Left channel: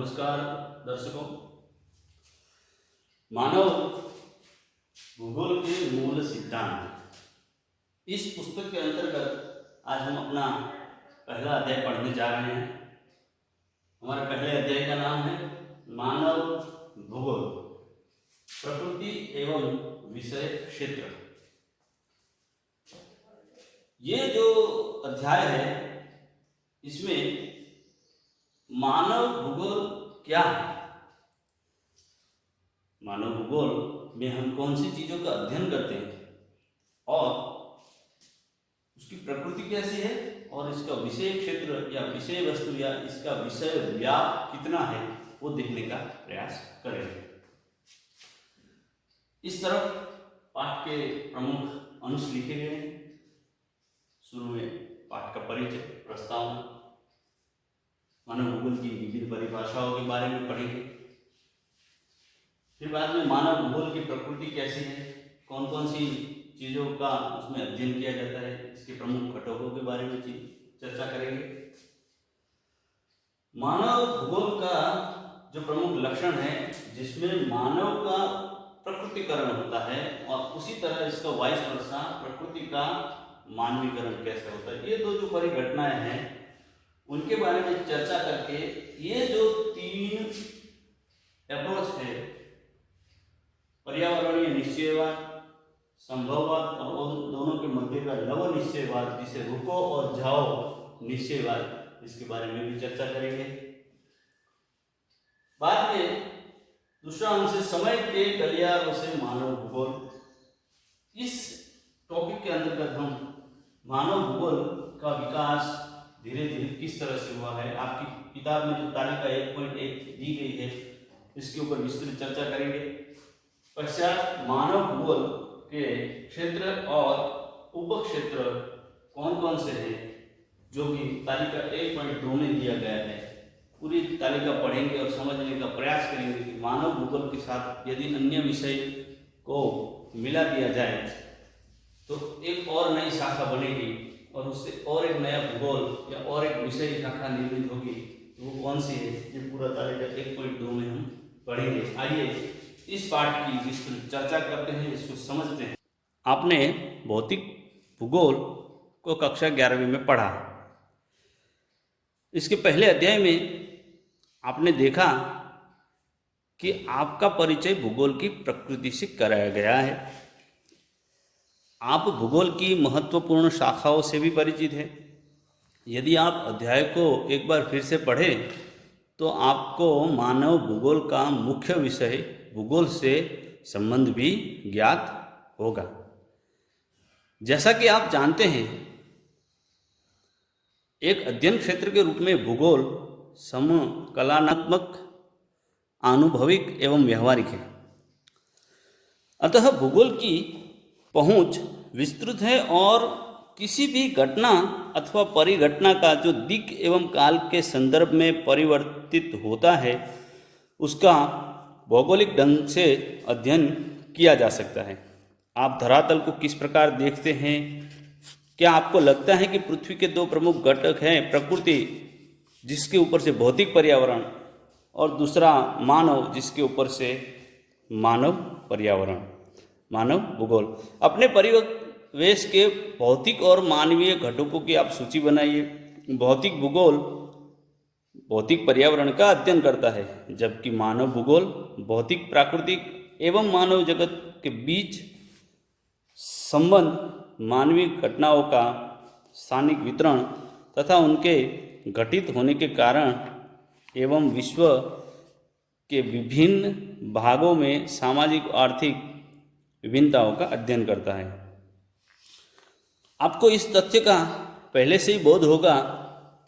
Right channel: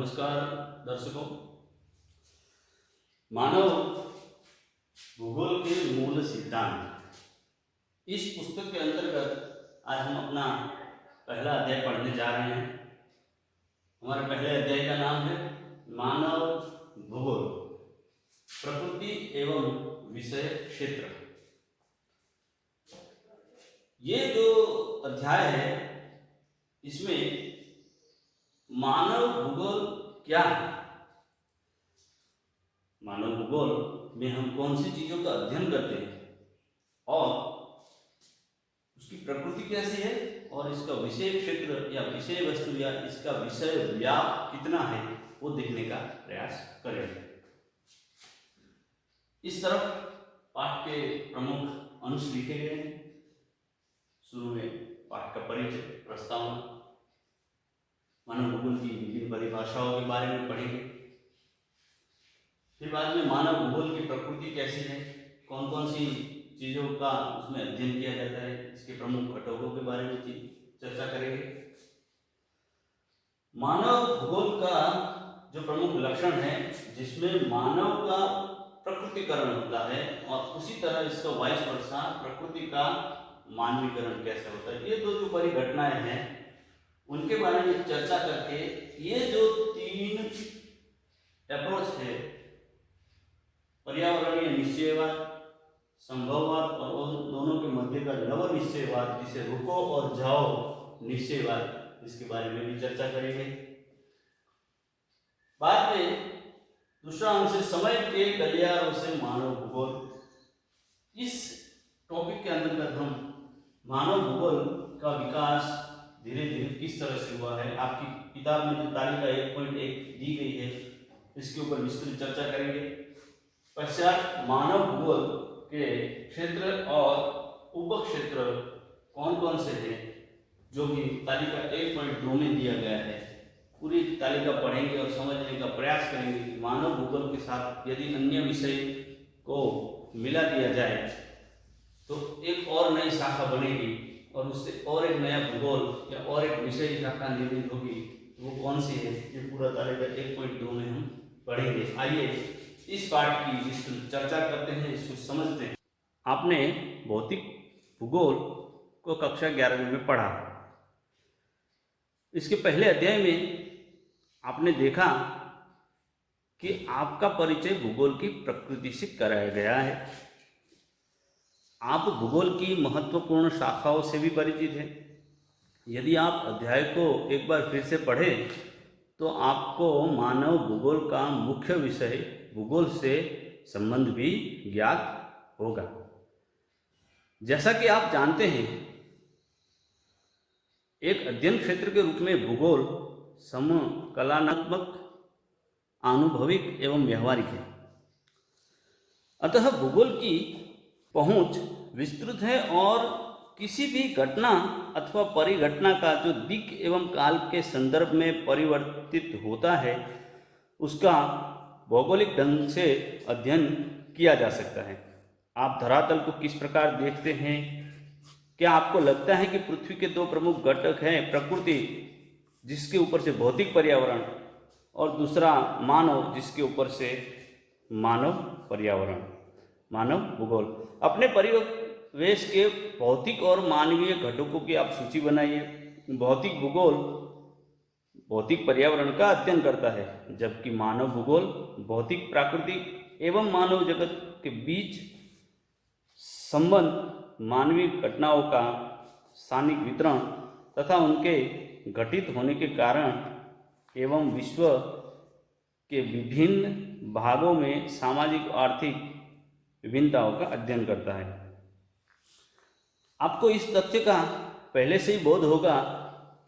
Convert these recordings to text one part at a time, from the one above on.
नमस्कार दर्शकों। मानव भूगोल के मूल सिद्धांत, इस पुस्तक के अंतर्गत आज हम अपना पहला अध्याय पढ़ने जा रहे हैं। हमारे पहले अध्याय का नाम है मानव भूगोल, प्रकृति एवं विषय क्षेत्र। ये जो अध्याय है इसमें मानव भूगोल क्या है, मानव भूगोल में हम कौन सी चीजों का अध्ययन करते हैं और उसकी प्रकृति कैसी है और इसका विषय क्षेत्र या विषय वस्तु या इसका विषय व्याप कितना है वो देखने का प्रयास करेंगे। इस तरफ पाठ के प्रमुख अंश लिखे गए हैं। शुरू में पाठ का परिचय, प्रस्तावना, मानव भूगोल की विभिन्न परिभाषाओं के बारे में पढ़ेंगे। फिर बाद में मानव भूगोल की प्रकृति कैसी है, कौन कौन सी चीज़ों का उसमें अध्ययन किया जाता है, इसके प्रमुख घटकों के बारे में चर्चा करेंगे। मानव भूगोल का जो प्रमुख लक्षण है जिसमें मानव का प्रकृतिकरण होता है और उसी तरह इसका वाइस वर्सा प्रकृति का मानवीकरण कैसे होता है, ये दो जो परिघटनाएं हैं उनके बारे में चर्चा करके ये जो तीन अप्रोच है, पर्यावरणीय निश्चयवाद, संभववाद और उन दोनों के मध्य का नव निश्चयवाद जिसे रुको और जाओ निश्चयवाद, इसके बारे में भी चर्चा करेंगे। बाद में दूसरा अंश है समय के गलियारों से मानव भूगोल। इस टॉपिक के अंतर्गत हम मानव भूगोल का विकास धीरे धीरे किस तरह से हुआ है, आपकी किताब में जो तालिका 1.1 दी गई है इसके ऊपर विस्तृत चर्चा करेंगे। पश्चात मानव भूगोल के क्षेत्र और उपक्षेत्र कौन कौन से हैं जो कि तालिका 1.2 में दिया गया है, पूरी तालिका पढ़ेंगे और समझने का प्रयास करेंगे कि मानव भूगोल के साथ यदि अन्य विषय को मिला दिया जाए तो एक और नई शाखा बनेगी और उससे और एक नया भूगोल या और एक विषय शाखा निर्मित होगी। तो वो कौन सी है, ये पूरा तालिका 1.2 में हम पढ़ेंगे। आइए इस पाठ की विस्तृत चर्चा करते हैं, इसको समझते हैं। आपने भौतिक भूगोल को कक्षा 11वीं में पढ़ा। इसके पहले अध्याय में आपने देखा कि आपका परिचय भूगोल की प्रकृति से कराया गया है। आप भूगोल की महत्वपूर्ण शाखाओं से भी परिचित हैं। यदि आप अध्याय को एक बार फिर से पढ़ें तो आपको मानव भूगोल का मुख्य विषय भूगोल से संबंध भी ज्ञात होगा। जैसा कि आप जानते हैं, एक अध्ययन क्षेत्र के रूप में भूगोल समकलनात्मक, आनुभविक एवं व्यवहारिक है। अतः भूगोल की पहुंच विस्तृत है और किसी भी घटना अथवा परिघटना का जो दिक् एवं काल के संदर्भ में परिवर्तित होता है उसका भौगोलिक ढंग से अध्ययन किया जा सकता है। आप धरातल को किस प्रकार देखते हैं? क्या आपको लगता है कि पृथ्वी के दो प्रमुख घटक हैं, प्रकृति जिसके ऊपर से भौतिक पर्यावरण और दूसरा मानव जिसके ऊपर से मानव पर्यावरण, मानव भूगोल। अपने परिवेश के भौतिक और मानवीय घटकों की आप सूची बनाइए। भौतिक भूगोल भौतिक पर्यावरण का अध्ययन करता है, जबकि मानव भूगोल भौतिक, प्राकृतिक एवं मानव जगत के बीच संबंध, मानवीय घटनाओं का स्थानिक वितरण तथा उनके घटित होने के कारण एवं विश्व के विभिन्न भागों में सामाजिक आर्थिक विभिन्नताओं का अध्ययन करता है। आपको इस तथ्य का पहले से ही बोध होगा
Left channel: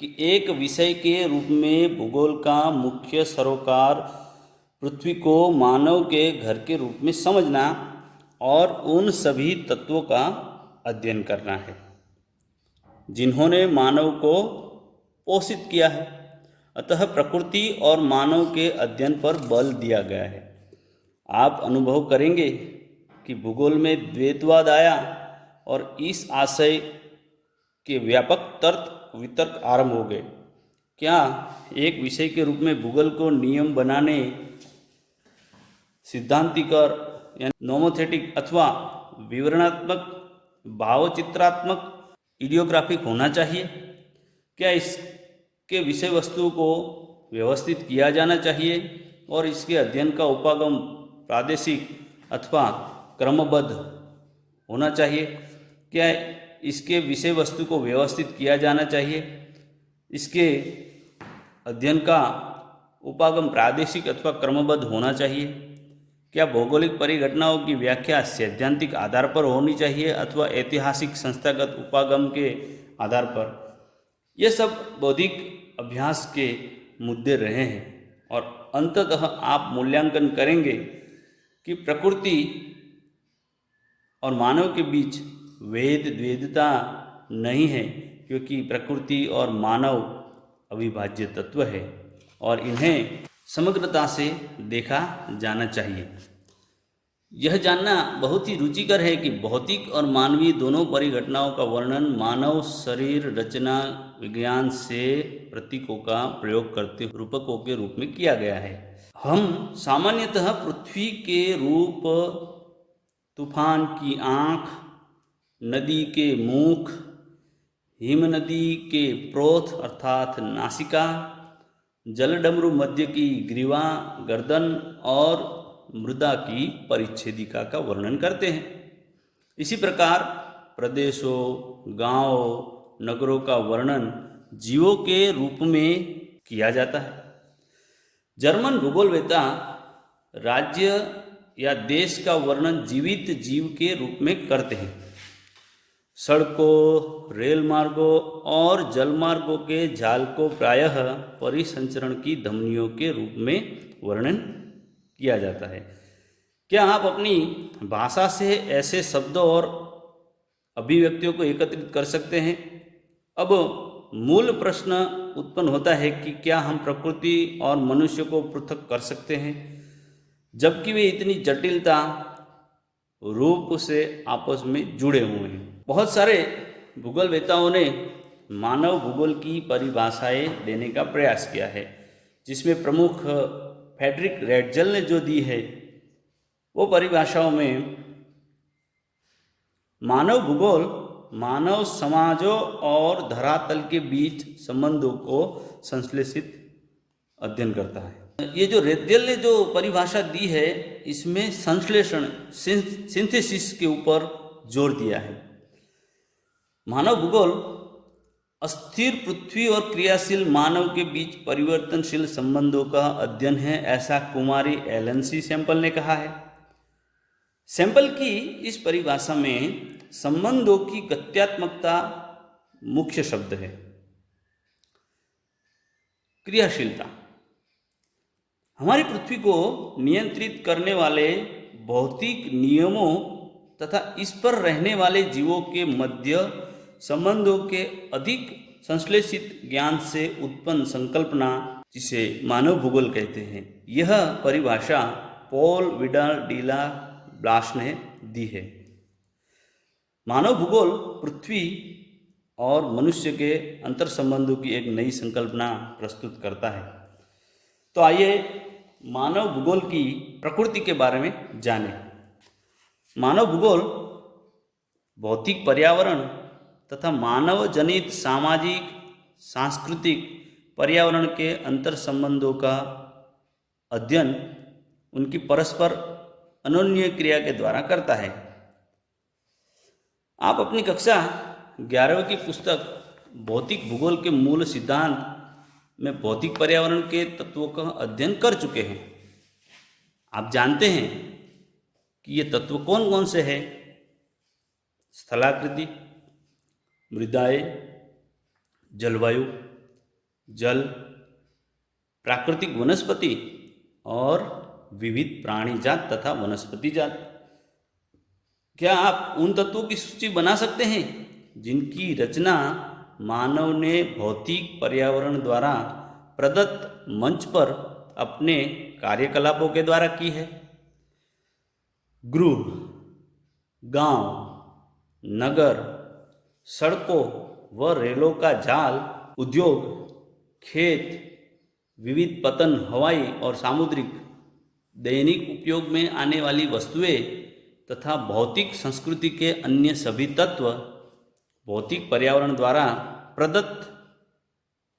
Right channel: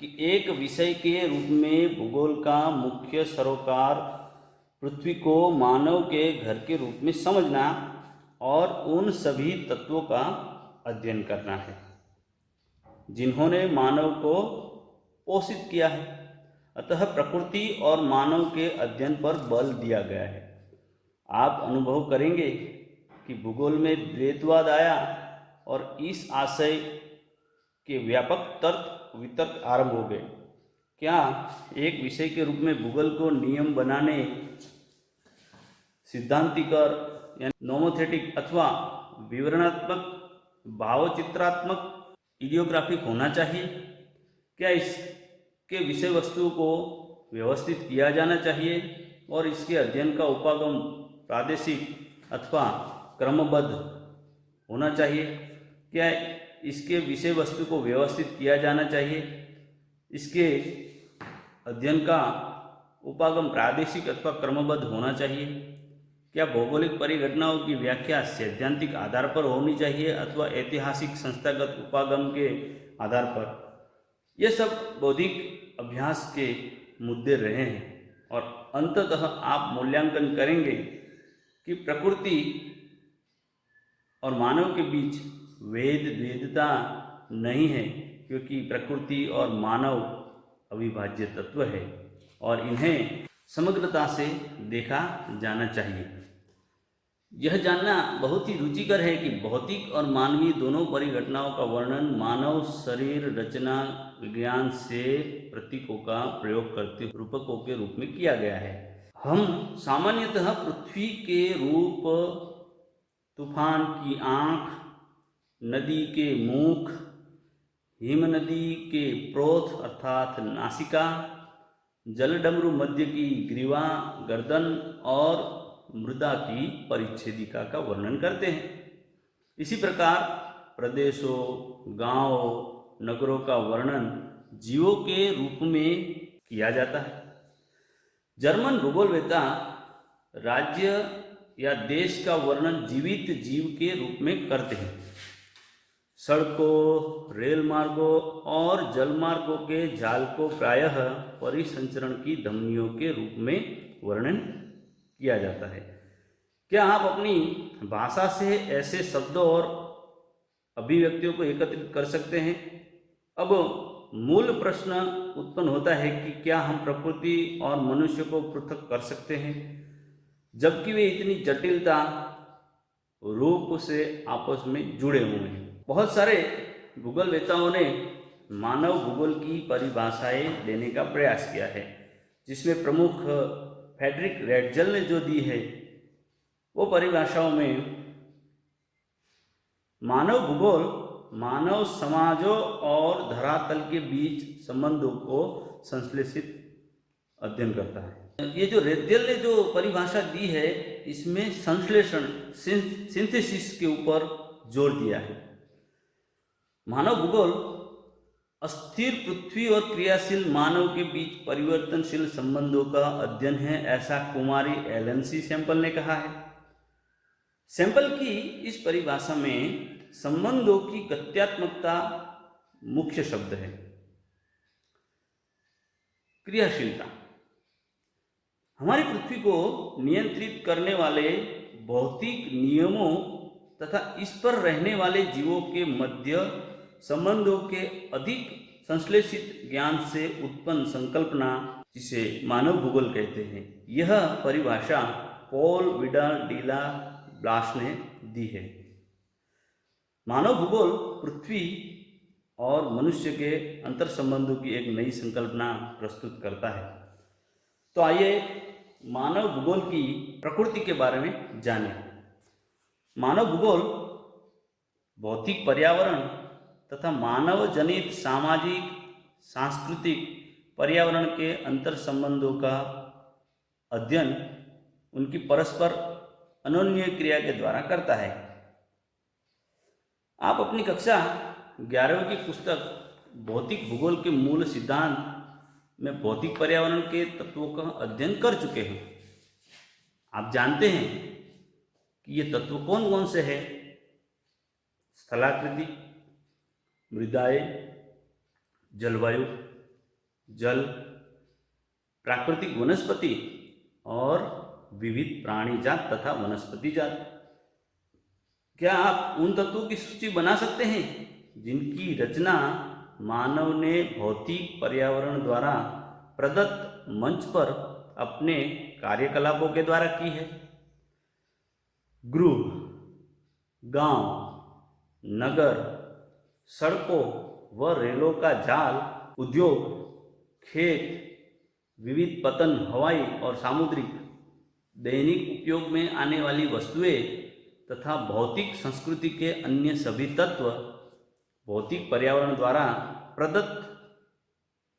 कि एक विषय के रूप में भूगोल का मुख्य सरोकार पृथ्वी को मानव के घर के रूप में समझना और उन सभी तत्वों का अध्ययन करना है जिन्होंने मानव को पोषित किया है। अतः प्रकृति और मानव के अध्ययन पर बल दिया गया है। आप अनुभव करेंगे कि भूगोल में द्वैतवाद आया और इस आशय के व्यापक तर्क वितर्क आरंभ हो गए क्या एक विषय के रूप में भूगोल को नियम बनाने सिद्धांतिक और नोमोथेटिक अथवा विवरणात्मक, भावचित्रात्मक, इडियोग्राफिक होना चाहिए? क्या इसके विषय वस्तु को व्यवस्थित किया जाना चाहिए और इसके अध्ययन का उपागम प्रादेशिक अथवा क्रमबद्ध होना चाहिए? क्या इसके विषय वस्तु को व्यवस्थित किया जाना चाहिए, इसके अध्ययन का उपागम प्रादेशिक अथवा क्रमबद्ध होना चाहिए? क्या भौगोलिक परिघटनाओं की व्याख्या सैद्धांतिक आधार पर होनी चाहिए अथवा ऐतिहासिक संस्थागत उपागम के आधार पर? ये सब बौद्धिक अभ्यास के मुद्दे रहे हैं और अंततः आप मूल्यांकन करेंगे कि प्रकृति और मानव के बीच द्वैधता नहीं है, क्योंकि प्रकृति और मानव अविभाज्य तत्व है और इन्हें समग्रता से देखा जाना चाहिए। यह जानना बहुत ही रुचिकर है कि भौतिक और मानवीय दोनों परिघटनाओं का वर्णन मानव शरीर रचना विज्ञान से प्रतीकों का प्रयोग करते रूपकों के रूप में किया गया है। हम सामान्यतः पृथ्वी के रूप, तूफान की आँख, नदी के मुख, हिम नदी के प्रोथ अर्थात नासिका, जलडमरू मध्य की ग्रीवा गर्दन और मृदा की परिच्छेदिका का वर्णन करते हैं। इसी प्रकार प्रदेशों, गांवों, नगरों का वर्णन जीवों के रूप में किया जाता है। जर्मन भूगोलवेत्ता राज्य या देश का वर्णन जीवित जीव के रूप में करते हैं। सड़कों, रेल मार्गों और जल मार्गों के जाल को प्रायः परिसंचरण की धमनियों के रूप में वर्णन किया जाता है। क्या आप अपनी भाषा से ऐसे शब्दों और अभिव्यक्तियों को एकत्रित कर सकते हैं? अब मूल प्रश्न उत्पन्न होता है कि क्या हम प्रकृति और मनुष्य को पृथक कर सकते हैं, जबकि वे इतनी जटिलता रूप से आपस में जुड़े हुए हैं? बहुत सारे भूगोलवेत्ताओं ने मानव भूगोल की परिभाषाएं देने का प्रयास किया है, जिसमें प्रमुख फ्रेडरिक रेटजल ने जो दी है वो परिभाषाओं में मानव भूगोल मानव समाजों और धरातल के बीच संबंधों को संश्लेषित अध्ययन करता है। ये जो रेटजल ने जो परिभाषा दी है इसमें संश्लेषण सिंथेसिस के ऊपर जोर दिया है। मानव भूगोल अस्थिर पृथ्वी और क्रियाशील मानव के बीच परिवर्तनशील संबंधों का अध्ययन है, ऐसा कुमारी एलन सी सैंपल ने कहा है। सैंपल की इस परिभाषा में संबंधों की गत्यात्मकता मुख्य शब्द है। क्रियाशीलता हमारी पृथ्वी को नियंत्रित करने वाले भौतिक नियमों तथा इस पर रहने वाले जीवों के मध्य संबंधों के अधिक संश्लेषित ज्ञान से उत्पन्न संकल्पना, जिसे मानव भूगोल कहते हैं। यह परिभाषा पॉल विडाल डी ला ब्लास ने दी है। मानव भूगोल पृथ्वी और मनुष्य के अंतर संबंधों की एक नई संकल्पना प्रस्तुत करता है। तो आइए मानव भूगोल की प्रकृति के बारे में जानें। मानव भूगोल भौतिक पर्यावरण तथा मानव जनित सामाजिक सांस्कृतिक पर्यावरण के अंतर संबंधों का अध्ययन उनकी परस्पर अनोन्य क्रिया के द्वारा करता है। आप अपनी कक्षा 11वीं की पुस्तक भौतिक भूगोल के मूल सिद्धांत में भौतिक पर्यावरण के तत्वों का अध्ययन कर चुके हैं। आप जानते हैं कि ये तत्व कौन कौन से हैं? स्थलाकृति, मृदाएं, जलवायु, जल, प्राकृतिक वनस्पति और विविध प्राणी जात तथा वनस्पति जात। क्या आप उन तत्वों की सूची बना सकते हैं जिनकी रचना मानव ने भौतिक पर्यावरण द्वारा प्रदत्त मंच पर अपने कार्यकलापों के द्वारा की है? गृह, गांव, नगर, सड़कों व रेलों का जाल, उद्योग, खेत, विविध पतन, हवाई और सामुद्रिक, दैनिक उपयोग में आने वाली वस्तुएं तथा भौतिक संस्कृति के अन्य सभी तत्व भौतिक पर्यावरण द्वारा प्रदत्त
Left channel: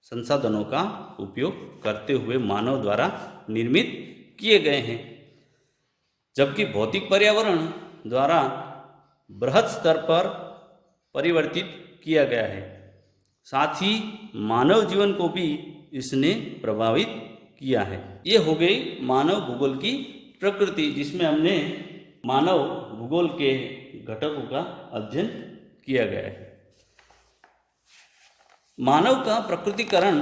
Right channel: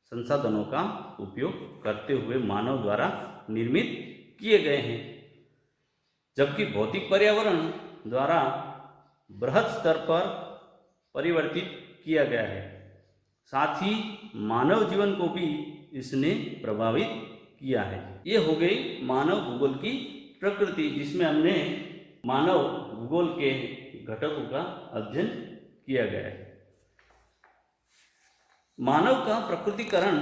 संसाधनों का उपयोग करते हुए मानव द्वारा निर्मित किए गए हैं, जबकि भौतिक पर्यावरण द्वारा बृहद स्तर पर परिवर्तित किया गया है। साथ ही मानव जीवन को भी इसने प्रभावित किया है। ये हो गई मानव भूगोल की प्रकृति, जिसमें हमने मानव भूगोल के घटकों का अध्ययन किया गया है। मानव का प्रकृतिकरण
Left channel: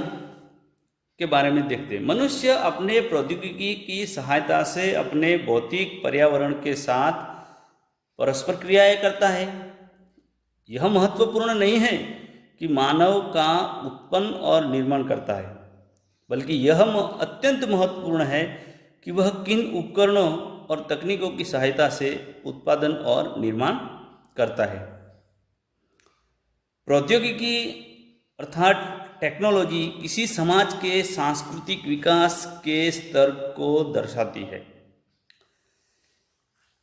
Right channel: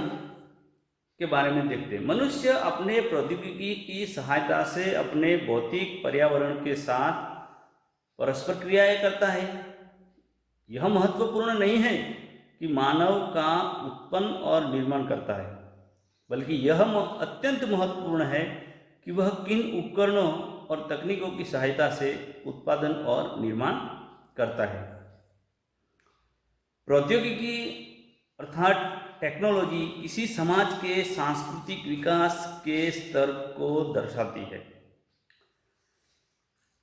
के बारे में देखते हैं। मनुष्य अपने प्रौद्योगिकी की सहायता से अपने भौतिक पर्यावरण के साथ परस्पर क्रियाएं करता है। यह महत्वपूर्ण नहीं है कि मानव का उत्पन्न और निर्माण करता है, बल्कि यह अत्यंत महत्वपूर्ण है कि वह किन उपकरणों और तकनीकों की सहायता से उत्पादन और निर्माण करता है। प्रौद्योगिकी अर्थात टेक्नोलॉजी किसी समाज के सांस्कृतिक विकास के स्तर को दर्शाती है।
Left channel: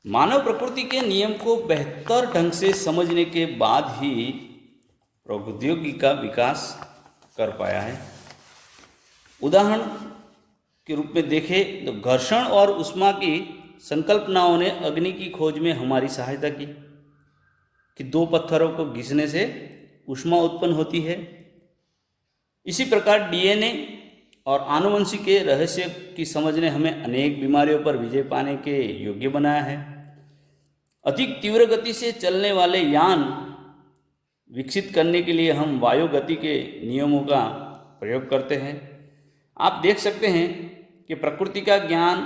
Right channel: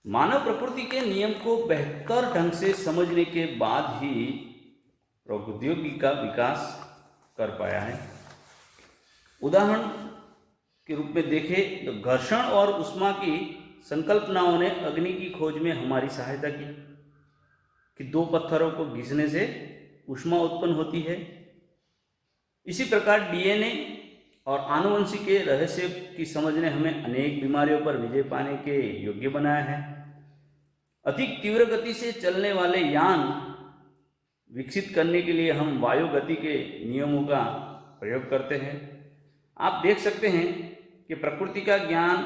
मानव प्रकृति के नियम को बेहतर ढंग से समझने के बाद ही प्रौद्योगिकी का विकास कर पाया है। उदाहरण के रूप में देखें तो घर्षण और ऊष्मा की संकल्पनाओं ने अग्नि की खोज में हमारी सहायता की कि दो पत्थरों को घिसने से ऊष्मा उत्पन्न होती है। इसी प्रकार डीएनए और आनुवंशिक के रहस्य की समझ ने हमें अनेक बीमारियों पर विजय पाने के योग्य बनाया है। अधिक तीव्र गति से चलने वाले यान विकसित करने के लिए हम वायु गति के नियमों का प्रयोग करते हैं। आप देख सकते हैं कि प्रकृति का ज्ञान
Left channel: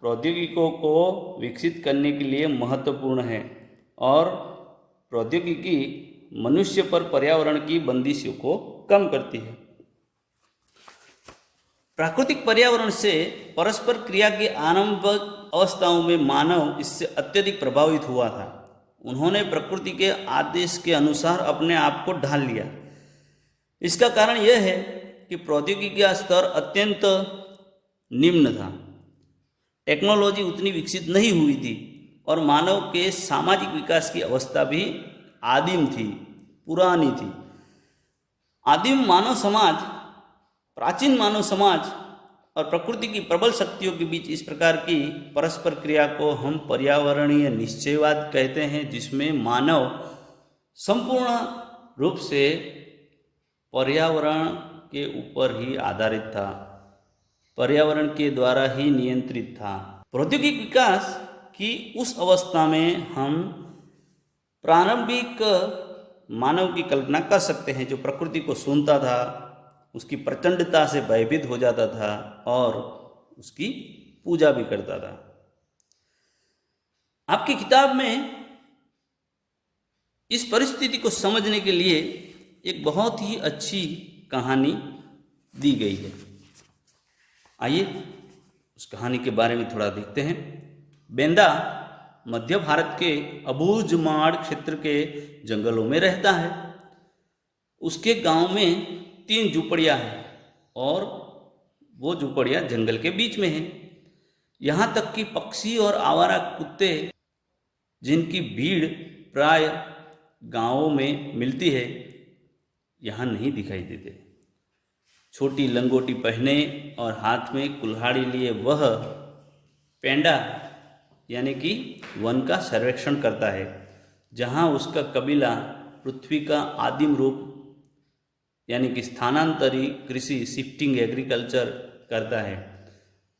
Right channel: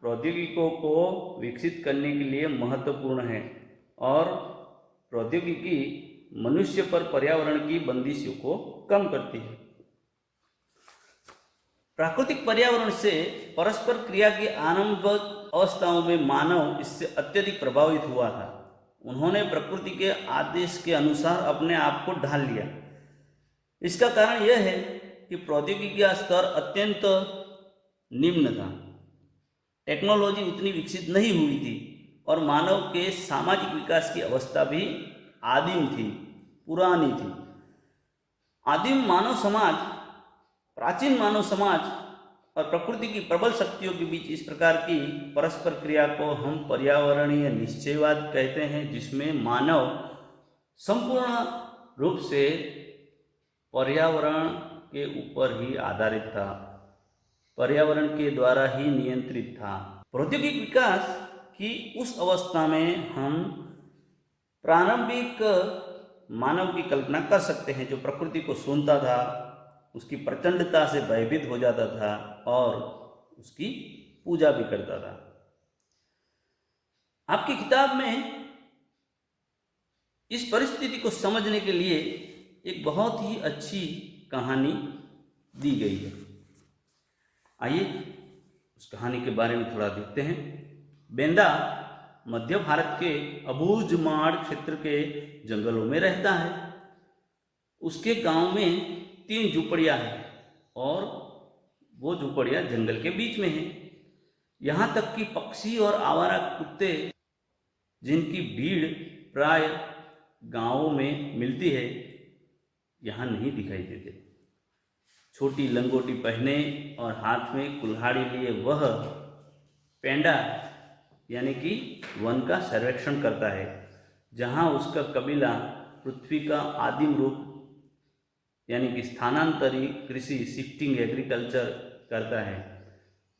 प्रौद्योगिकियों को विकसित करने के लिए महत्वपूर्ण है और प्रौद्योगिकी मनुष्य पर पर्यावरण की बंदिशों को कम करती है। प्राकृतिक पर्यावरण से परस्पर क्रिया की आरंभ अवस्थाओं में मानव इससे अत्यधिक प्रभावित हुआ था। उन्होंने प्रकृति के आदेश के अनुसार अपने आप को ढाल लिया। इसका कारण यह है कि प्रौद्योगिकी का स्तर अत्यंत निम्न था, टेक्नोलॉजी उतनी विकसित नहीं हुई थी और मानव के सामाजिक विकास की अवस्था भी आदिम थी, पुरानी थी। आदिम मानव समाज, प्राचीन मानव समाज और प्रकृति की प्रबल शक्तियों के बीच इस प्रकार की परस्पर क्रिया को हम पर्यावरणीय निश्चयवाद कहते हैं, जिसमें मानव संपूर्ण रूप से पर्यावरण के ऊपर ही आधारित था, पर्यावरण के द्वारा ही नियंत्रित था। प्रौद्योगिक विकास की उस अवस्था में हम प्रारंभिक मानव की कल्पना कर सकते हैं, जो प्रकृति को सुनता था, उसकी प्रचंडता से भयभीत हो जाता था और उसकी पूजा भी करता था। आपकी किताब में इस परिस्थिति को समझने के लिए एक बहुत ही अच्छी कहानी दी गई है। आइए उस कहानी के बारे में थोड़ा देखते हैं। बेंदा मध्य भारत के अबूझमाड़ क्षेत्र के जंगलों में रहता है। उसके गांव में 3 झुपड़ियां हैं और वो झुपड़ियां जंगल के बीच में हैं। यहाँ तक कि पक्षी और आवारा कुत्ते, जिनकी भीड़ प्राय गांवों में मिलती है, यहाँ नहीं दिखाई देते। छोटी लंगोटी पहने और हाथ में कुल्हाड़ी लिए वह पेंडा यानी कि वन का सर्वेक्षण करता है, जहाँ उसका कबीला पृथ्वी का आदिम रूप यानी कि स्थानांतरी कृषि, शिफ्टिंग एग्रीकल्चर करता है।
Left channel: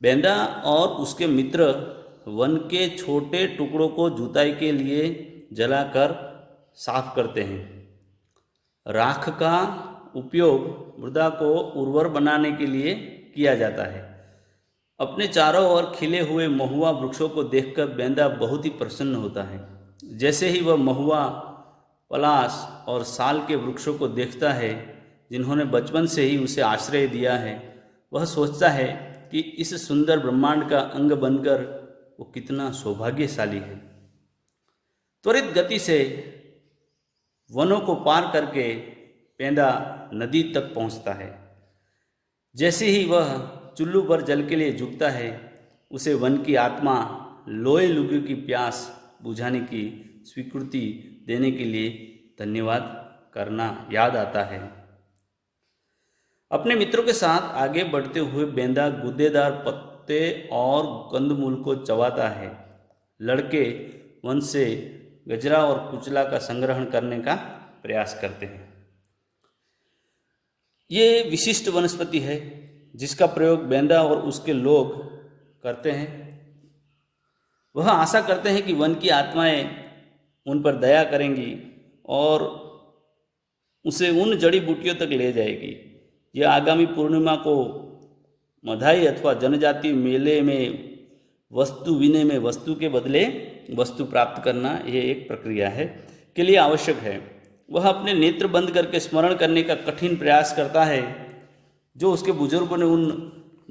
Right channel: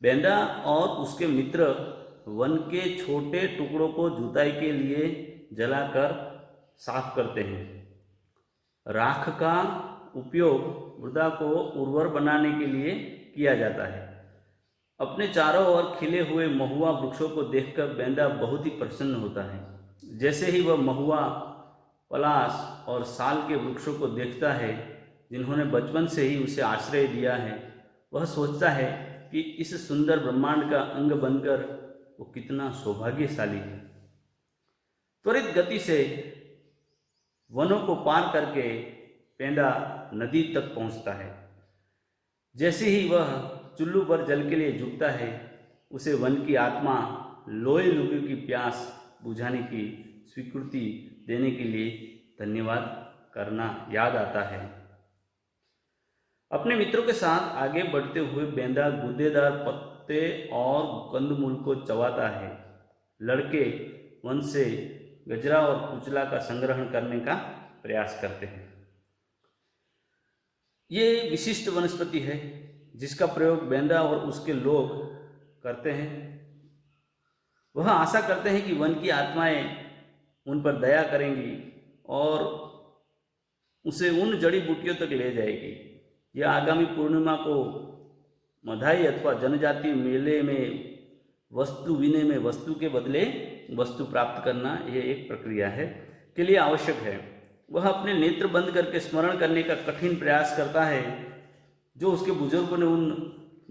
बेंदा और उसके मित्र वन के छोटे टुकड़ों को जुताई के लिए जलाकर साफ करते हैं। राख का उपयोग मृदा को उर्वर बनाने के लिए किया जाता है। अपने चारों ओर खिले हुए महुआ वृक्षों को देखकर बेंदा बहुत ही प्रसन्न होता है। जैसे ही वह महुआ, पलाश और साल के वृक्षों को देखता है, जिन्होंने बचपन से ही उसे आश्रय दिया है, वह सोचता है कि इस सुंदर ब्रह्मांड का अंग बनकर वो कितना सौभाग्यशाली है। त्वरित गति से वनों को पार करके पेंदा नदी तक पहुंचता है। जैसे ही वह चुल्लू पर जल के लिए झुकता है, उसे वन की आत्मा लोए लुगू की प्यास बुझाने की स्वीकृति देने के लिए धन्यवाद करना याद आता है। अपने मित्रों के साथ आगे बढ़ते हुए बेंदा गूदेदार पत्ते और कंदमूल को चबाता है। लड़के वन से गजरा और कुचला का संग्रहण करने का प्रयास करते हैं। ये विशिष्ट वनस्पति है जिसका प्रयोग बेंदा और उसके लोग करते हैं। वह आशा करते हैं कि वन की आत्माएं उन पर दया करेंगी और उसे उन जड़ी बूटियों तक ले जाएगी। यह आगामी पूर्णिमा को मधाई अथवा जनजातीय मेले में वस्तु विनय में वस्तु के बदले वस्तु प्राप्त करना, यह एक प्रक्रिया है के लिए आवश्यक है। वह अपने नेत्र बंद करके स्मरण करने का कठिन प्रयास करता है जो उसके बुजुर्गों ने उन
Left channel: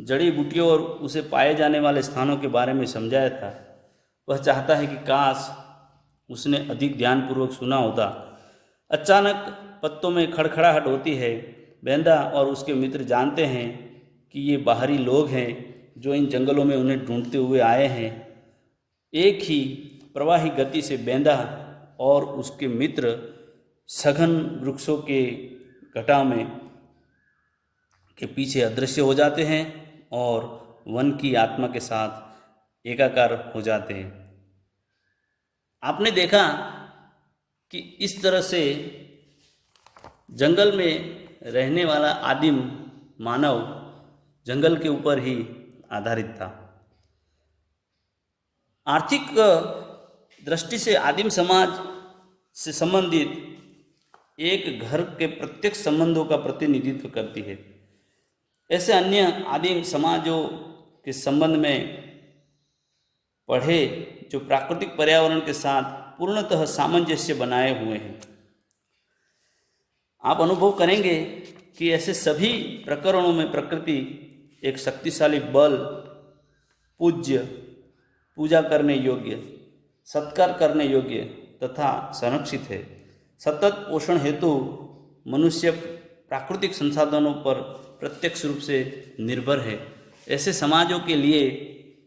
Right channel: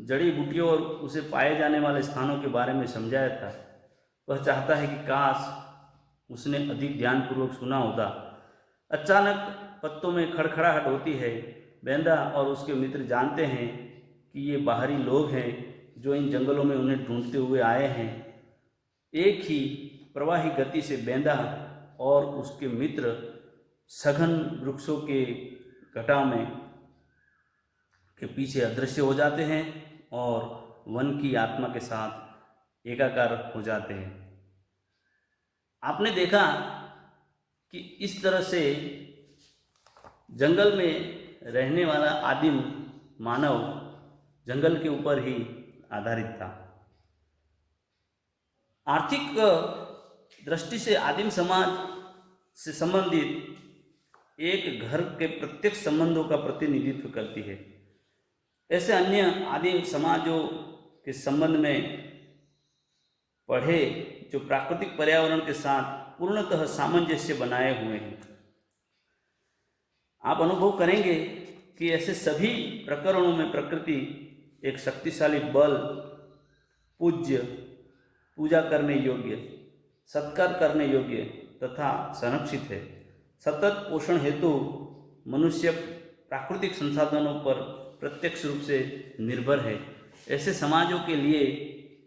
जड़ी बूटियों और उसे पाए जाने वाले स्थानों के बारे में समझाया था। वह चाहता है कि काश उसने अधिक ध्यानपूर्वक सुना होता। अचानक पत्तों में खड़खड़ाहट होती है। बेंदा और उसके मित्र जानते हैं कि ये बाहरी लोग हैं जो इन जंगलों में उन्हें ढूंढते हुए आए हैं। एक ही प्रवाही गति से बेंदा और उसके मित्र सघन वृक्षों के घटाव में के पीछे अदृश्य हो जाते हैं और वन की आत्मा के साथ एकाकार हो जाते हैं। आपने देखा कि इस तरह से जंगल में रहने वाला आदिम मानव जंगल के ऊपर ही आधारित था। आर्थिक दृष्टि से आदिम समाज से संबंधित एक घर के प्रत्यक्ष संबंधों का प्रतिनिधित्व करती है। ऐसे अन्य आदिम समाजों के संबंध में पढ़े जो प्राकृतिक पर्यावरण के साथ पूर्णतः सामंजस्य बनाए हुए हैं। आप अनुभव करेंगे कि ऐसे सभी प्रकरणों में प्रकृति एक शक्तिशाली बल, पूज्य, पूजा करने योग्य, सत्कार करने योग्य तथा संरक्षित है। सतत पोषण हेतु मनुष्य प्राकृतिक संसाधनों पर प्रत्यक्ष रूप से निर्भर है। ऐसे समाजों के लिए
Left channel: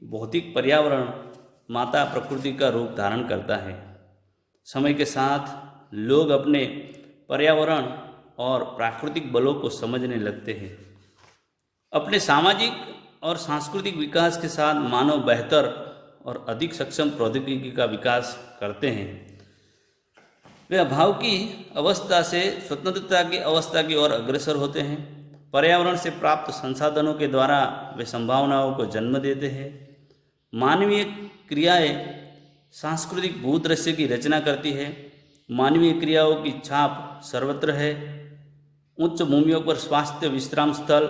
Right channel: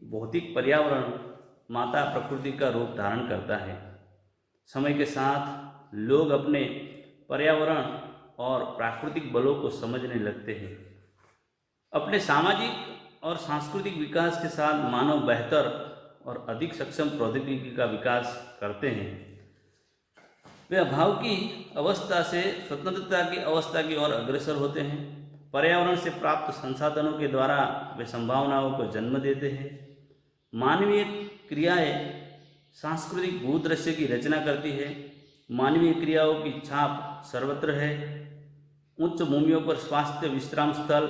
भौतिक पर्यावरण माता प्रकृति का रूप धारण करता है। समय के साथ लोग अपने पर्यावरण और प्राकृतिक बलों को समझने लगते हैं। अपने सामाजिक और सांस्कृतिक विकास के साथ मानव बेहतर और अधिक सक्षम प्रौद्योगिकी का विकास करते हैं। वे अभाव की अवस्था से स्वतंत्रता की अवस्था की ओर अग्रसर होते हैं। पर्यावरण से प्राप्त संसाधनों के द्वारा वे संभावनाओं को जन्म देते हैं। मानवीय क्रियाएं सांस्कृतिक भूदृश्य की रचना करती है। मानवीय क्रियाओं की छाप सर्वत्र है। उच्च भूमियों पर स्वास्थ्य विश्राम स्थल,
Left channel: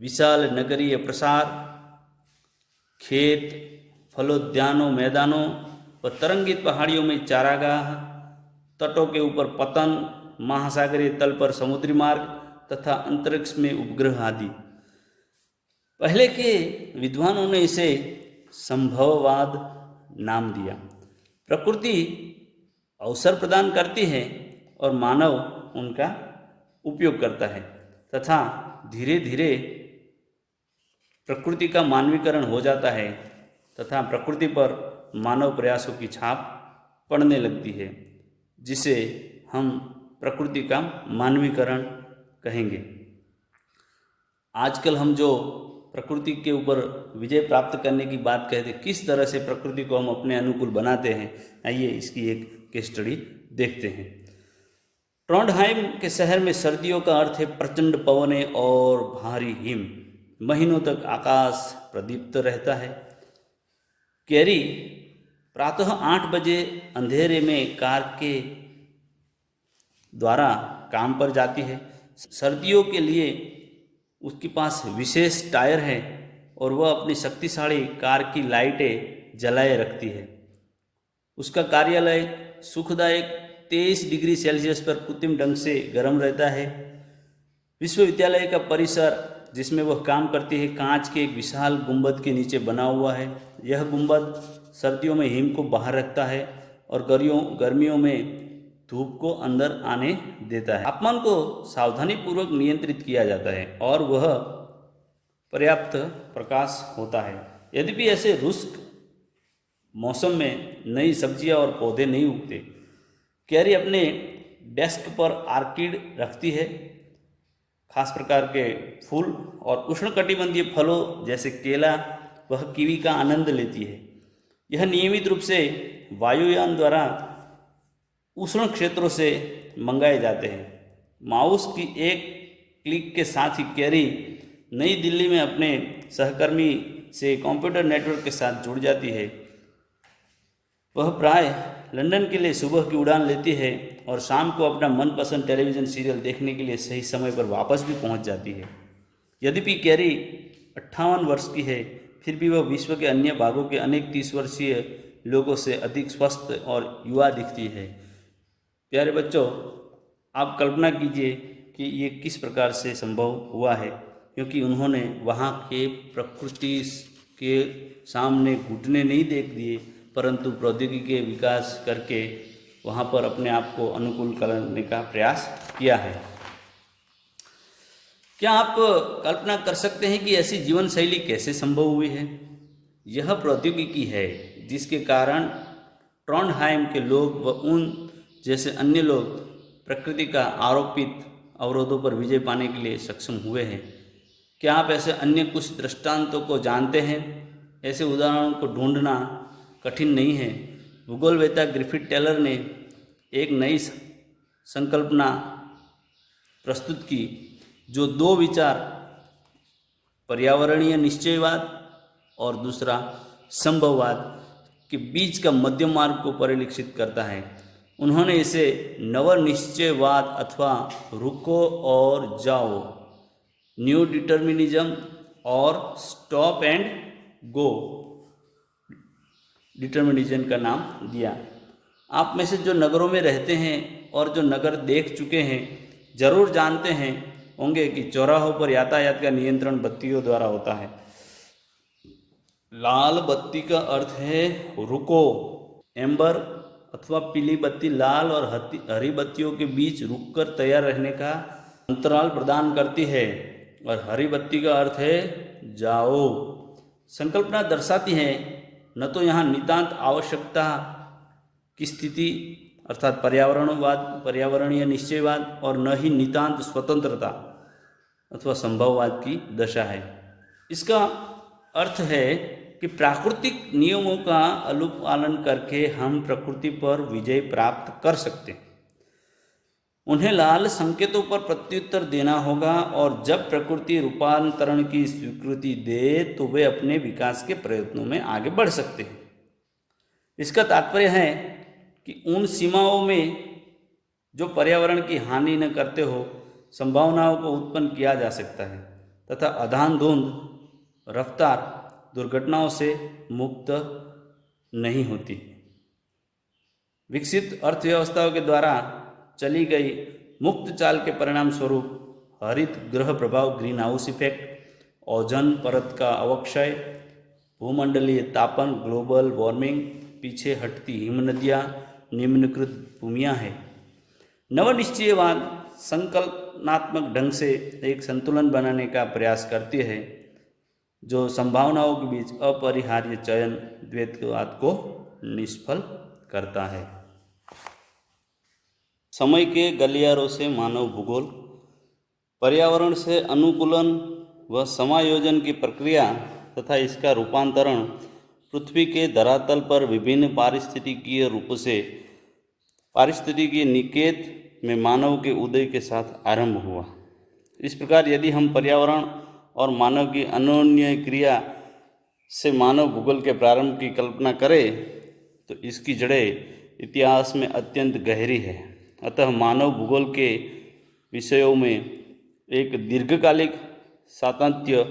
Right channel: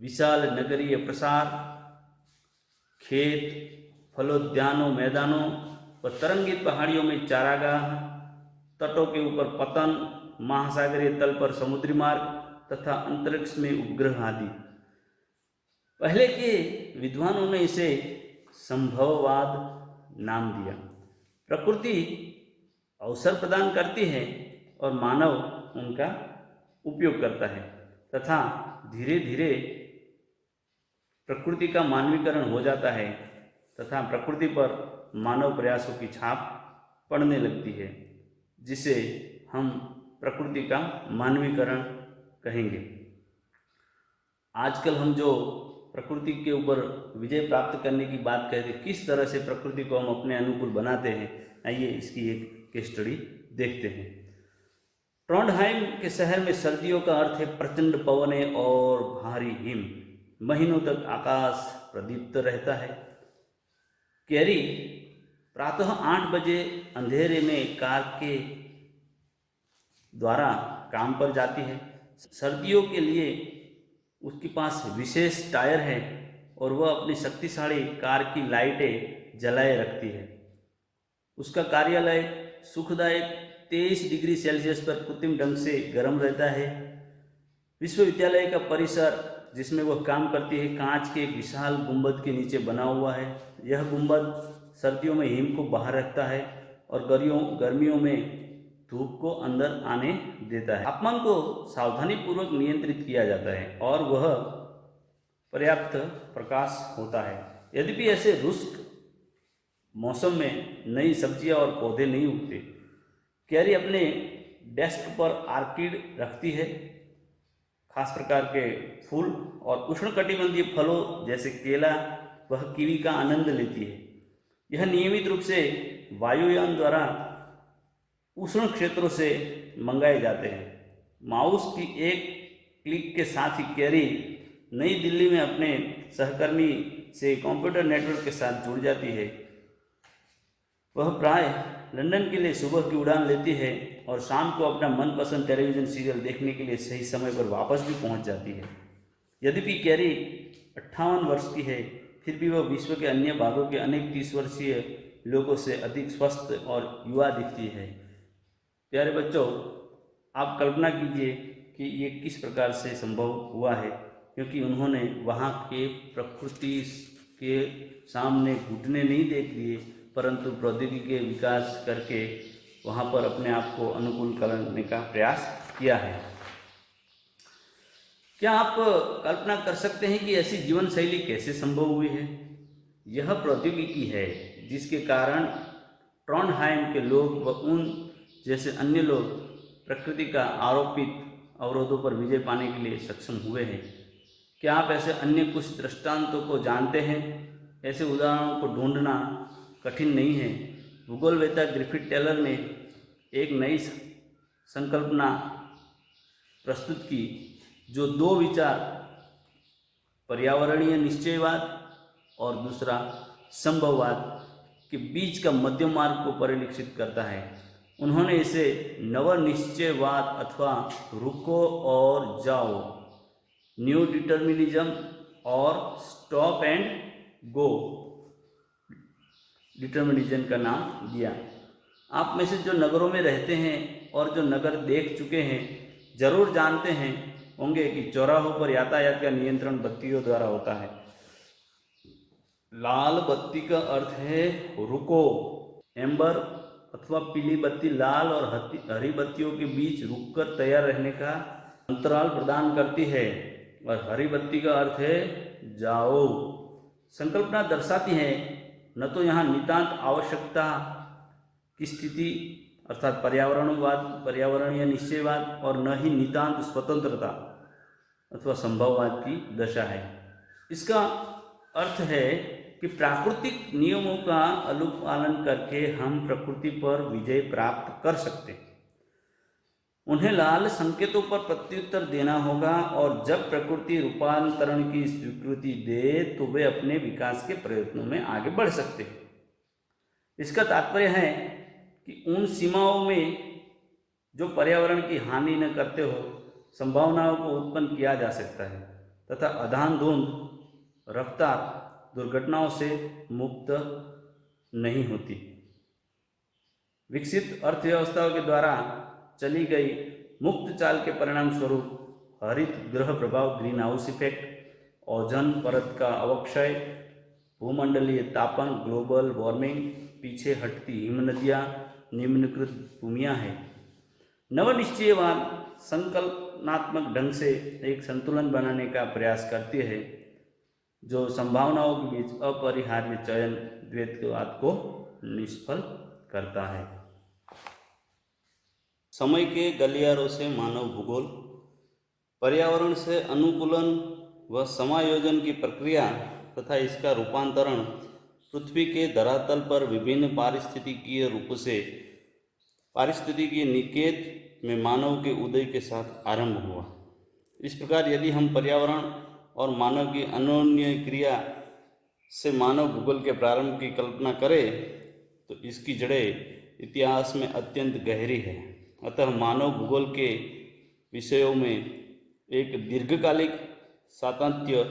विशाल नगरीय प्रसार, खेत, फलोद्यानों, मैदानों और तरंगित पहाड़ियों में चारागाह, तटों के ऊपर पतन, महासागरीय तल पर समुद्री मार्ग तथा अंतरिक्ष में उपग्रह आदि। पहले के विद्वानों ने इसे संभववाद नाम दिया। प्रकृति अवसर प्रदान करती है और मानव उनका उपयोग करता है तथा धीरे धीरे प्रकृति का मानवीकरण हो जाता है तथा प्रकृति पर मानव प्रयासों की छाप पड़ने लगती है, जिसे हम प्रकृति का मानवीकरण कहेंगे। आजकल हम जो प्रकृति के ऊपर विजय प्राप्त करने की बात कहते हैं, किस तरह से प्रकृति को हम अपने अनुकूल बनाते हैं, आइए इसकी एक केस स्टडी देखते हैं। ट्रोंडहाइम के शहर में सर्दियों का अर्थ है प्रचंड पवने और भारी हिम। महीनों तक आकाश प्रदीप्त रहता है। कैरी प्रातः 8 बजे अंधेरे में कार के द्वारा काम पर जाती है। सर्दियों के लिए उसके पास विशेष टायर है और वह अपनी शक्तिशाली कार की लाइटें जलाए रखती है। उसका कार्यालय सुखदायक 23 डिग्री सेल्सियस पर कृत्रिम ढंग से गर्म रहता है। विश्वविद्यालय का परिसर जिसमें वह काम करती है कांच के एक विशाल गुंबद के नीचे बना हुआ है। यह गुंबद सर्दियों में हिम को बाहर रखता है और गर्मियों में धूप को अंदर आने देता है। तापमान को सावधानीपूर्वक नियंत्रित किया जाता है और वह पर्याप्त प्रकाश होता है। यद्यपि ऐसे रुष्क मौसम में नई सब्जियां और पौधे नहीं उगते। कैरी अपने डेस्क पर आर्किड रखती है, खास प्रकार के फूल, और उष्णकटिबंधीय फलों जैसे केला वह कीवी का आनंद लेती है। यह नियमित रूप से वायुयान द्वारा उष्ण क्षेत्रों से मंगाए जाते हैं। माउस की एक क्लिक के साथ ही कैरी नई दिल्ली में अपने सहकर्मी से कंप्यूटर नेटवर्क के साथ जुड़ जाती है। वह प्राय लंदन के लिए सुबह की उड़ान लेती है और शाम को अपना मनपसंद टेलीविज़न सीरियल देखने के लिए सही समय पर वापस भी पहुंच जाती है। यद्यपि कैरी 58 वर्ष की है, फिर भी वह विश्व के अन्य भागों के अनेक 30 वर्षीय लोगों से अधिक स्वस्थ और युवा दिखती है। प्यारे बच्चों, आप कल्पना कीजिए कि ये किस प्रकार से संभव हुआ है, क्योंकि उन्होंने वहाँ के प्रकृति के सामने घुटने नहीं देख दिए, परंतु प्रौद्योगिकी के विकास करके वहाँ पर अपने आप को अनुकूल करने का प्रयास किया है। क्या आप कल्पना कर सकते हैं कि ऐसी जीवन शैली कैसे संभव हुई है? यह प्रौद्योगिकी है जिसके कारण ट्रॉन्डहाइम के लोग व उन जैसे अन्य लोग प्रकृति का आरोपित अवरोधों पर विजय पाने के लिए सक्षम हुए हैं। क्या आप ऐसे अन्य कुछ दृष्टांतों को जानते हैं? ऐसे उदाहरणों को ढूंढना कठिन नहीं है। भूगोलवेत्ता ग्रिफिथ टेलर ने एक नई संकल्पना प्रस्तुत की, जो दो विचार, पर्यावरणीय निश्चयवाद और दूसरा संभववाद के बीच का मध्यम मार्ग को परिलक्षित करता है। उन्होंने इसे नवनिश्चयवाद अथवा रुको और जाओ, न्यू डिटर्मिनिज्म और स्टॉप एंड गो डिटर्मिनिज्म का नाम दिया। आप में से जो नगरों में रहते हैं और जो नगर देख चुके हैं जरूर जानते हैं होंगे कि चौराहों पर यातायात का नियंत्रण बत्तियों द्वारा होता है। लाल बत्ती का अर्थ है रुको। एम्बर अथवा पीली बत्ती लाल और हरी बत्तियों के बीच रुककर तैयार रहने का अंतराल प्रदान करती है, और हरी बत्ती का अर्थ है जाओ। संकल्पना दर्शाती है न तो यहाँ नितांत आवश्यकता की स्थिति अर्थात पर्यावरणीय निश्चयवाद, और न ही नितांत स्वतंत्रता अथवा संभववाद की दशा है। इसका अर्थ है कि प्राकृतिक नियमों का अनुपालन करके हम प्रकृति पर विजय प्राप्त कर सकते हैं। उन्हें लाल संकेतों पर प्रत्युत्तर देना होगा, और जब प्रकृति रूपांतरण की स्वीकृति दे तो वे अपने विकास के प्रयत्नों में आगे बढ़ सकते हैं। इसका तात्पर्य है कि उन सीमाओं में जो पर्यावरण की हानि न करते हो संभावनाओं को उत्पन्न किया जा सकता है, तथा अंधाधुंध रफ्तार दुर्घटनाओं से मुक्त नहीं होती। विकसित अर्थव्यवस्थाओं के द्वारा चली गई मुक्त चाल के परिणाम स्वरूप हरित ग्रह प्रभाव, ग्रीन हाउस इफेक्ट, ओजोन परत का अवक्षय, भूमंडलीय तापन, ग्लोबल वार्मिंग, पीछे हटती हिमनदियाँ, निम्नकृत भूमियाँ हैं। नवनिश्चयवाद संकल्पनात्मक ढंग से एक संतुलन बनाने का प्रयास करती है जो संभावनाओं के बीच अपरिहार्य चयन द्वैतवाद को निष्फल करता है। समय के गलियारों से मानव भूगोल, पर्यावरण से अनुकूलन व समायोजन की प्रक्रिया तथा इसका रूपांतरण पृथ्वी के धरातल पर विभिन्न पारिस्थितिकीय रूपों से पारिस्थितिकीय निकेत में मानव के उदय के साथ आरंभ हुआ। इस प्रकार यदि हम पर्यावरण और मानव की अन्योन्य क्रिया से मानव भूगोल के प्रारंभ की कल्पना करें तो इसकी जड़ें इतिहास में अत्यंत गहरी है। अतः मानव भूगोल के विषयों में एक दीर्घकालिक सातत्य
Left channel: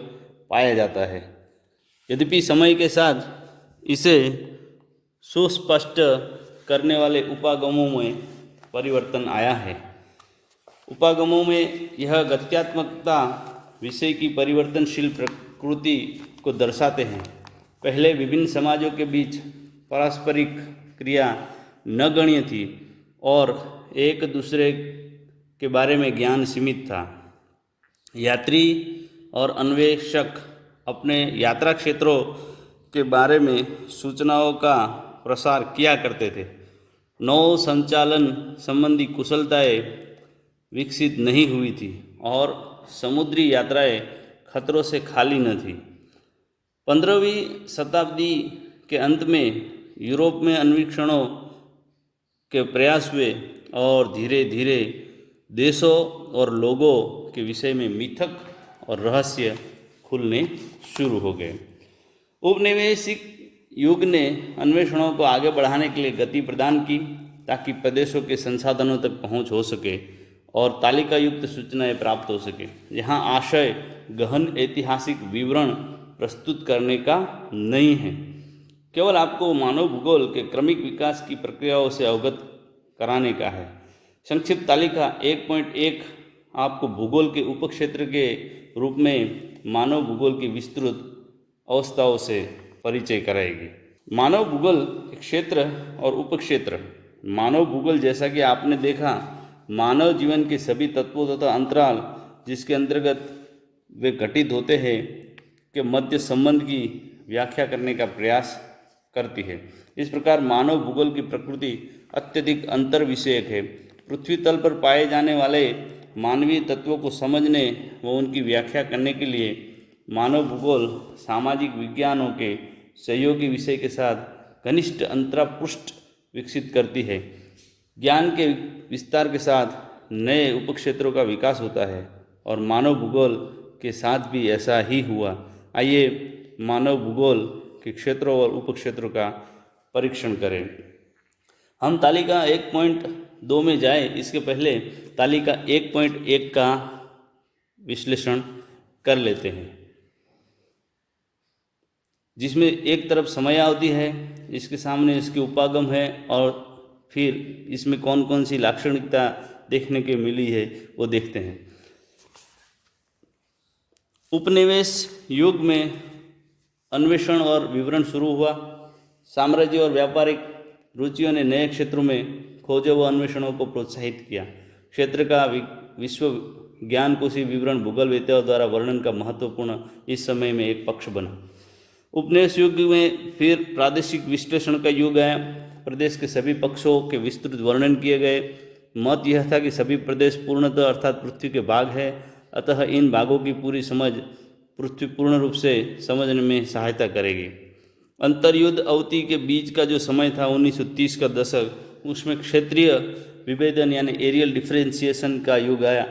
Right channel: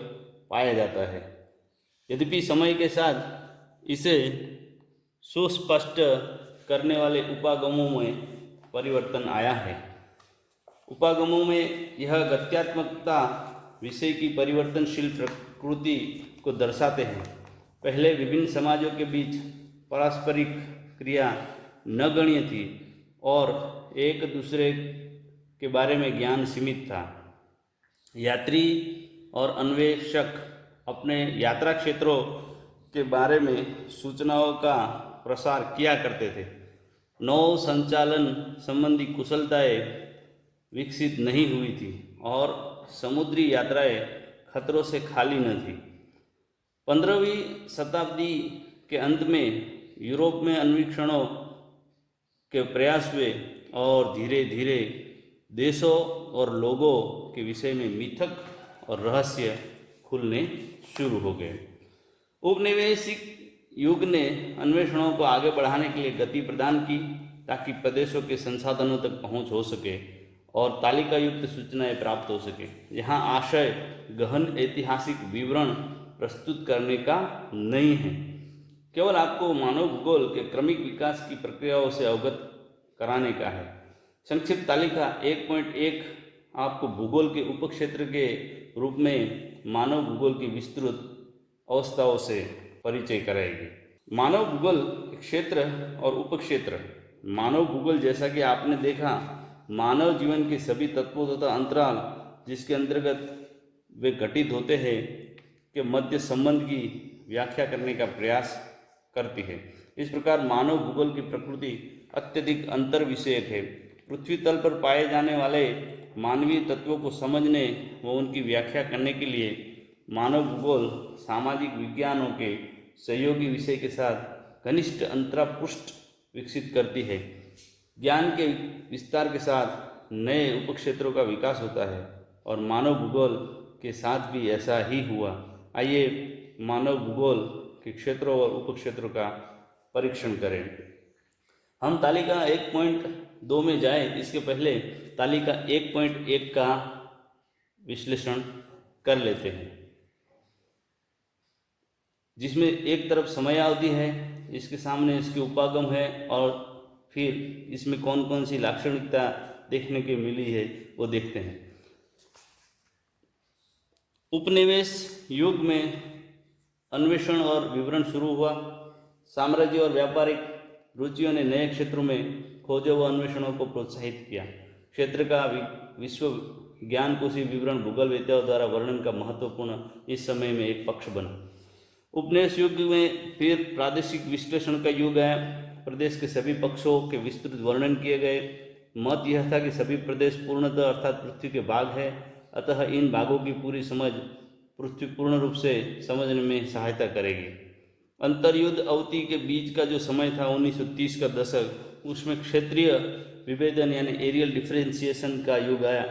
पाया जाता है। यद्यपि समय के साथ इसे सुस्पष्ट करने वाले उपागमों में परिवर्तन आया है। उपागमों में यह गत्यात्मकता विषय की परिवर्तनशील प्रकृति को दर्शाते हैं। पहले विभिन्न समाजों के बीच पारस्परिक क्रिया नगण्य थी और एक दूसरे के बारे में ज्ञान सीमित था। यात्री और अन्वेषक अपने यात्रा क्षेत्रों के बारे में सूचनाओं का प्रसार किया करते थे। नौ संचालन संबंधी कुशलताएं विकसित नहीं हुई थी और समुद्री यात्राएं खतरों से खाली न थी। 15वीं शताब्दी के अंत में यूरोप में अन्वेषणों के प्रयास हुए और धीरे धीरे देशों और लोगों के विषय में मिथक और रहस्य खुलने शुरू हो गए। उपनिवेशिक युग ने अन्वेषणों को आगे बढ़ाने के लिए गति प्रदान की ताकि प्रदेशों के संसाधनों तक पहुंच हो सके और तालिका युक्त सूचनाएं प्राप्त हो सके। यहाँ आशय गहन ऐतिहासिक विवरण प्रस्तुत करने का नहीं है, केवल आपको मानव भूगोल के क्रमिक विकास की प्रक्रियाओं से अवगत कराने का है। संक्षिप्त तालिका 1.1 आपको भूगोल के उपक्षेत्र के रूप में मानव भूगोल की विस्तृत अवस्थाओं से परिचय कराएगी। मानव भूगोल क्षेत्र और उपक्षेत्र। मानव भूगोल, जैसा कि आपने देखा, मानव जीवन के सभी तत्वों तथा अंतराल जिसके अंतर्गत वे घटित होते हैं के मध्य संबंध की व्याख्या करने का प्रयास करती है। इस प्रकार मानव भूगोल की प्रकृति अत्यधिक अंतर विषयक है। पृथ्वी तल पर पाए जाने वाले मानवीय तत्वों को समझने व उनकी व्याख्या करने के लिए मानव भूगोल सामाजिक विज्ञानों के सहयोगी विषय के साथ घनिष्ठ अंतरापृष्ठ विकसित करती है। ज्ञान के विस्तार के साथ नए उपक्षेत्रों का विकास होता है और मानव भूगोल के साथ भी ऐसा ही हुआ। आइए मानव भूगोल के क्षेत्रों और उपक्षेत्रों का परीक्षण करें। हम तालिका 1.2 में जाएं, इसके पहले तालिका 1.1 का विश्लेषण कर लेते हैं, जिसमें एक तरफ समयावधि है, इसके सामने इसकी उपागम है और फिर इसमें कौन कौन सी लाक्षणिकता देखने के मिली है वो देखते हैं। उपनिवेश युग में अन्वेषण और विवरण शुरू हुआ। साम्राज्य और व्यापारिक रुचियों ने नए क्षेत्रों में खोजों व अन्वेषणों को प्रोत्साहित किया। क्षेत्र का विश्व ज्ञानकोशी विवरण भूगोल वेत्ताओं द्वारा वर्णन का महत्वपूर्ण इस समय में एक पक्ष बना। उपनिवेश युग में फिर प्रादेशिक विश्लेषण का युग आया। प्रदेश के सभी पक्षों के विस्तृत वर्णन किए गए। मत यह था कि सभी प्रदेश पूर्णतः अर्थात पृथ्वी के भाग है, अतः इन भागों की पूरी समझ पृथ्वी पूर्ण रूप से समझने में सहायता करेगी। अंतर्युद्ध अवधि के बीच का जो समय था 1930 का दशक, उसमें क्षेत्रीय विभेदन यानी एरियल डिफरेंशिएशन का युग आया,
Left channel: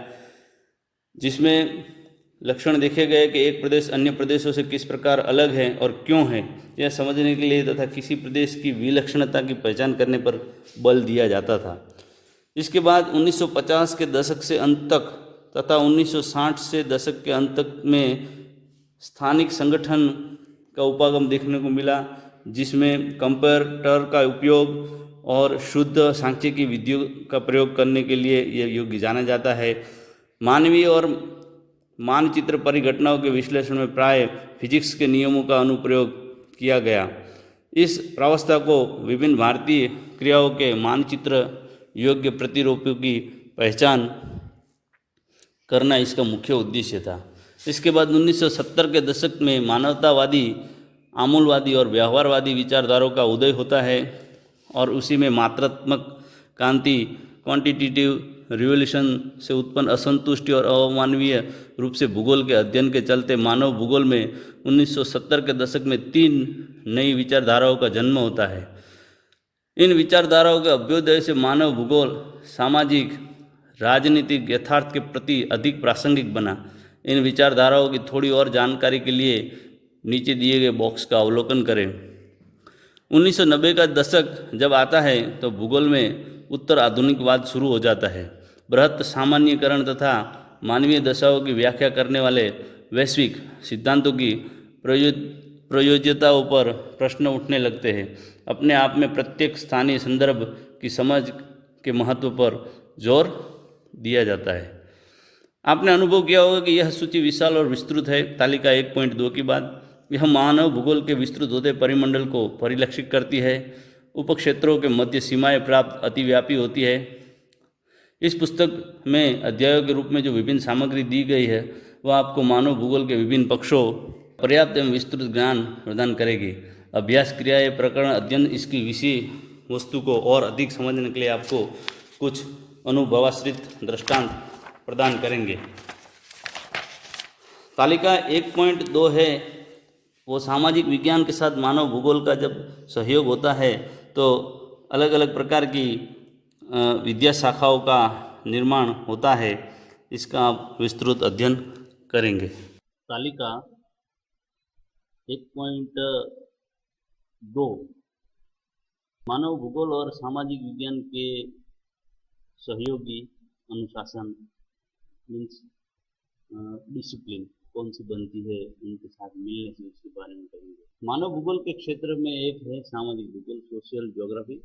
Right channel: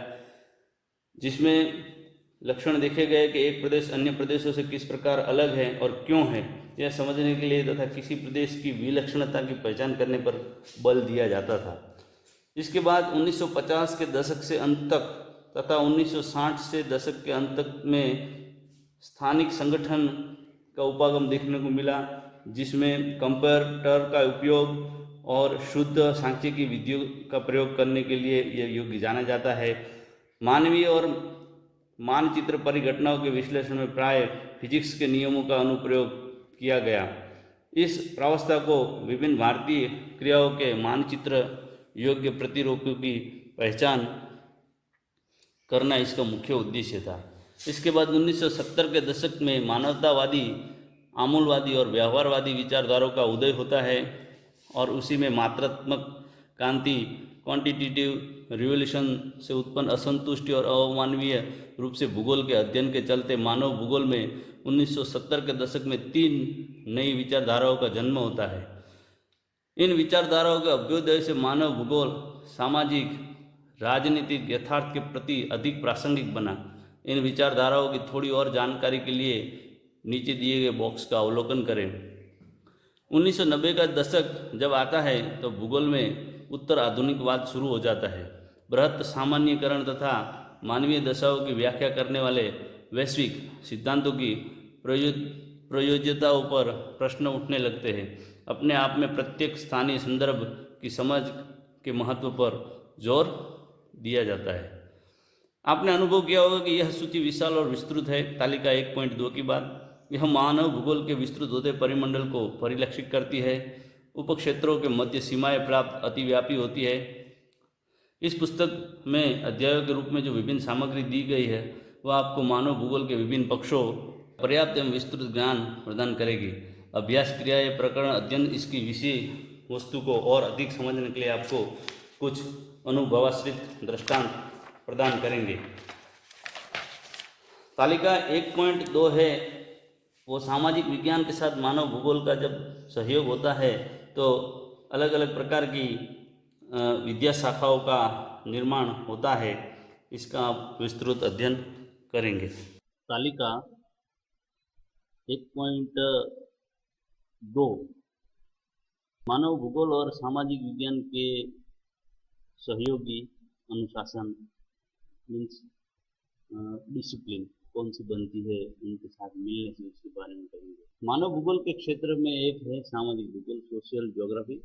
जिसमें लक्षण देखे गए कि एक प्रदेश अन्य प्रदेशों से किस प्रकार अलग है और क्यों है, यह समझने के लिए तथा किसी प्रदेश की विलक्षणता की पहचान करने पर बल दिया जाता था। इसके बाद 1950 के दशक से अंत तक तथा 1960 से दशक के अंत तक में स्थानिक संगठन का उपागम देखने को मिला, जिसमें कंप्यूटर का उपयोग और शुद्ध सांख्यिकी विधियों का प्रयोग करने के लिए यह युग जाना जाता है। मानवीय और मानचित्र परिघटनाओं के विश्लेषण में प्राय फिजिक्स के नियमों का अनुप्रयोग किया गया। इस प्रावस्था को विभिन्न भारतीय क्रियाओं के मानचित्र योग्य प्रतिरूपों की पहचान करना इसका मुख्य उद्देश्य था। इसके बाद 1970 के दशक में मानवतावादी, आमूलवादी और व्यवहारवादी विचारधाराओं का उदय होता है और उसी में मात्रात्मक क्रांति, क्वांटिटेटिव रिवोल्यूशन से उत्पन्न असंतुष्टि और अमानवीय रूप से भूगोल के अध्ययन के चलते मानव भूगोल में 1970 के दशक में 3 नई विचारधाराओं का जन्म होता है। इन विचारधाराओं के अभ्युदय से मानव भूगोल सामाजिक राजनीतिक यथार्थ के प्रति अधिक प्रासंगिक बना। इन विचारधाराओं की थोड़ी और जानकारी के लिए नीचे दिए गए बॉक्स का अवलोकन करें। 1990 का दशक जब आता है तो भूगोल में उत्तर आधुनिकवाद शुरू हो जाता है। बृहत सामान्यीकरण तथा मानवीय दशाओं की व्याख्या करने वाले वैश्विक सिद्धांतों की प्रयोज्यताओं पर प्रश्न उठने लगते हैं। अपने आप में प्रत्येक स्थानीय संदर्भ की समझ के महत्व पर जोर दिया जाता है। आपने अनुभव किया होगा कि यह सूची विशाल और विस्तृत है। तालिका 1.2 की बात, यह मानव भूगोल के विस्तृत होते परिमंडल को परिलक्षित करती है। उपक्षेत्रों के मध्य सीमाएं प्राप्त अतिव्यापी होती है। इस पुस्तक में अध्यायों के रूप में जो विभिन्न सामग्री दी गई है वह आपको मानव भूगोल के विभिन्न पक्षों पर्याप्त एवं विस्तृत ज्ञान प्रदान करेगी। अभ्यास क्रियाएं प्रकरण अध्ययन इसकी विषय वस्तु को और अधिक समझने के लिए आपको कुछ अनुभवाश्रित दृष्टांत प्रदान करेंगे। तालिका 1.2 है वो सामाजिक विज्ञान के साथ मानव भूगोल का जब सहयोग होता है तो अलग अलग प्रकार की विद्या शाखाओं का निर्माण होता है, इसका आप विस्तृत अध्ययन करेंगे। तालिका 1.2 मानव भूगोल और सामाजिक विज्ञान के सहयोगी अनुशासन मीन्स डिसिप्लिन कौन सी बनती है, उनके साथ मिलने से उसके बारे में करेंगे। मानव भूगोल के क्षेत्र में एक है सामाजिक भूगोल, सोशल ज्योग्राफी,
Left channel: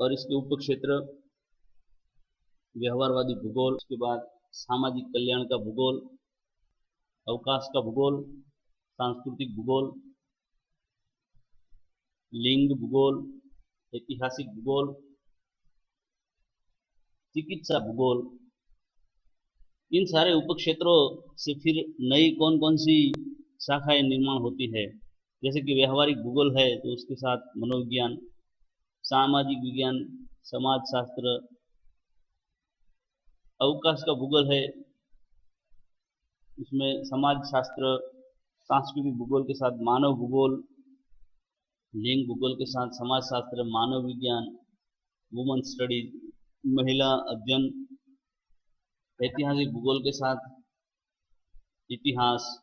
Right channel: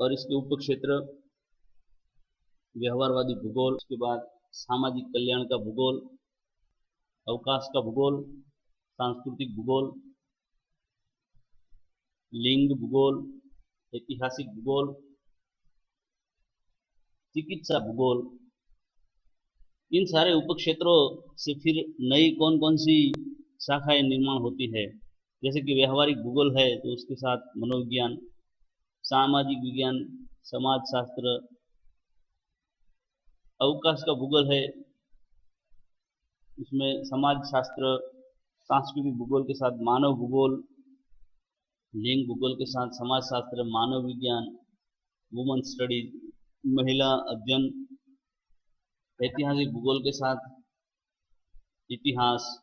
और इसके उप क्षेत्र व्यवहारवादी भूगोल, उसके बाद सामाजिक कल्याण का भूगोल, अवकाश का भूगोल, सांस्कृतिक भूगोल, लिंग भूगोल, ऐतिहासिक भूगोल, चिकित्सा भूगोल। इन सारे उपक्षेत्रों से फिर नई कौन कौन सी शाखाएं निर्माण होती है, जैसे कि व्यवहारिक भूगोल है तो उसके साथ मनोविज्ञान, सामाजिक विज्ञान, समाजशास्त्र, अवकाश का भूगोल है उसमें समाजशास्त्र, सांस्कृतिक भूगोल के साथ मानव भूगोल, लिंग भूगोल के साथ समाजशास्त्र, मानव विज्ञान, वुमन स्टडीज, महिला अध्ययन, ऐतिहासिक भूगोल के साथ इतिहास,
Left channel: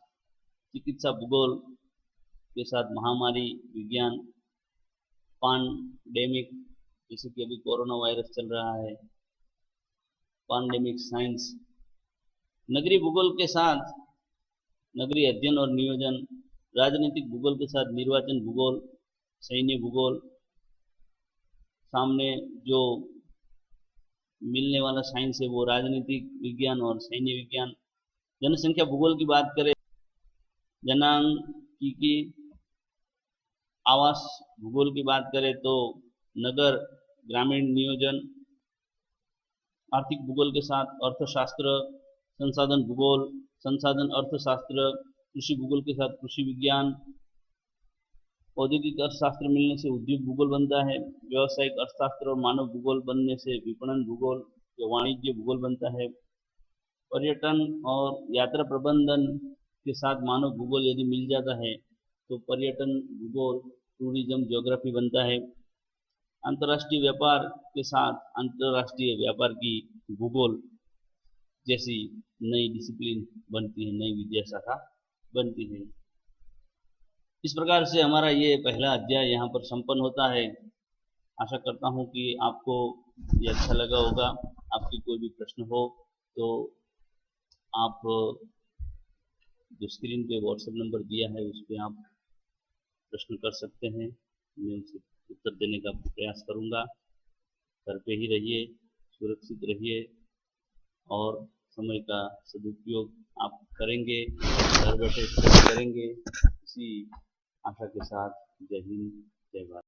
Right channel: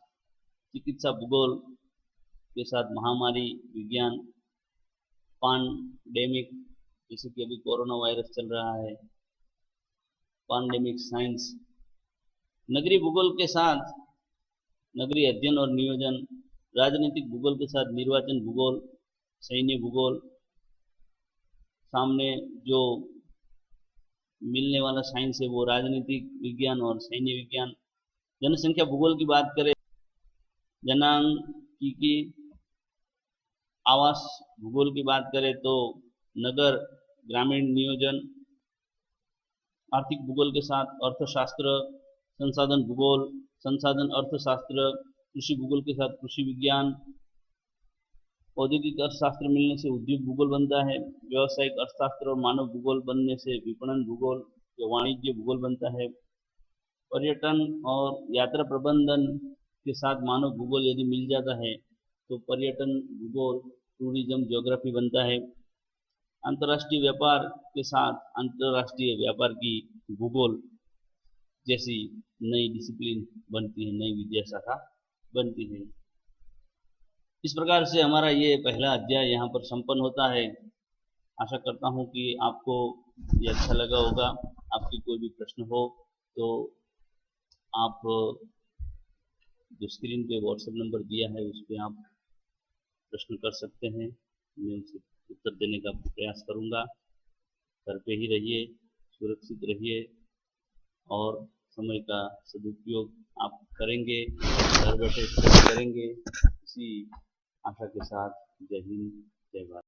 चिकित्सा भूगोल के साथ महामारी विज्ञान, पैंडेमिक जैसे कि अभी कोरोना वायरस चल रहा है, पैंडेमिक साइंस, नगरीय भूगोल के साथ नगरीय अध्ययन और नियोजन, राजनीतिक भूगोल के साथ निर्वाचन भूगोल, सैन्य भूगोल, सामने जो मिलने वाला साइंस है वो राजनीतिक विज्ञान और सैन्य विज्ञान। जनसंख्या भूगोल की बात करें, जनांकीकी, आवास भूगोल की बात करें तो नगर ग्रामीण नियोजन, आर्थिक भूगोल के साथ अर्थशास्त्र, संसाधन भूगोल, संसाधन अर्थशास्त्र, कृषि भूगोल के साथ कृषि विज्ञान, औद्योगिक अर्थशास्त्र मिलने से उद्योग भूगोल बनता है, व्यावसायिक अर्थशास्त्र और मानव भूगोल बनने से विपणन भूगोल या वाणिज्य भूगोल बनता है, पर्यटन और यात्रा प्रबंधन के साथ मानव भूगोल यदि मिल जाता है तो पर्यटन भूगोल टूरिज्म ज्योग्राफी बनता है, अंतर्राष्ट्रीय व्यापार के साथ अंतर्राष्ट्रीय व्यापार की भूगोल जैसी नई डिसिप्लिन बनती है, नई विद्या शाखा बनती है। इस प्रकार से हमारा ये पहला अध्याय यहाँ पर संपन्न होता है। आशा करता हूँ कि आपको ये अच्छा लगा होगा। आपकी कोई भी प्रश्न हो तो आप जो स्क्रीन पे व्हाट्सएप नंबर दिया है उस पर आप प्रश्न कर सकते हैं, मैं उसे उत्तर देने का प्रयास करूँगा। घर पे ही रहिए, सुरक्षित रहिए और समय का सदुपयोग आप करेंगे, घर बैठे करेंगे। इसी आशा के साथ जय हिंद, जय भारत।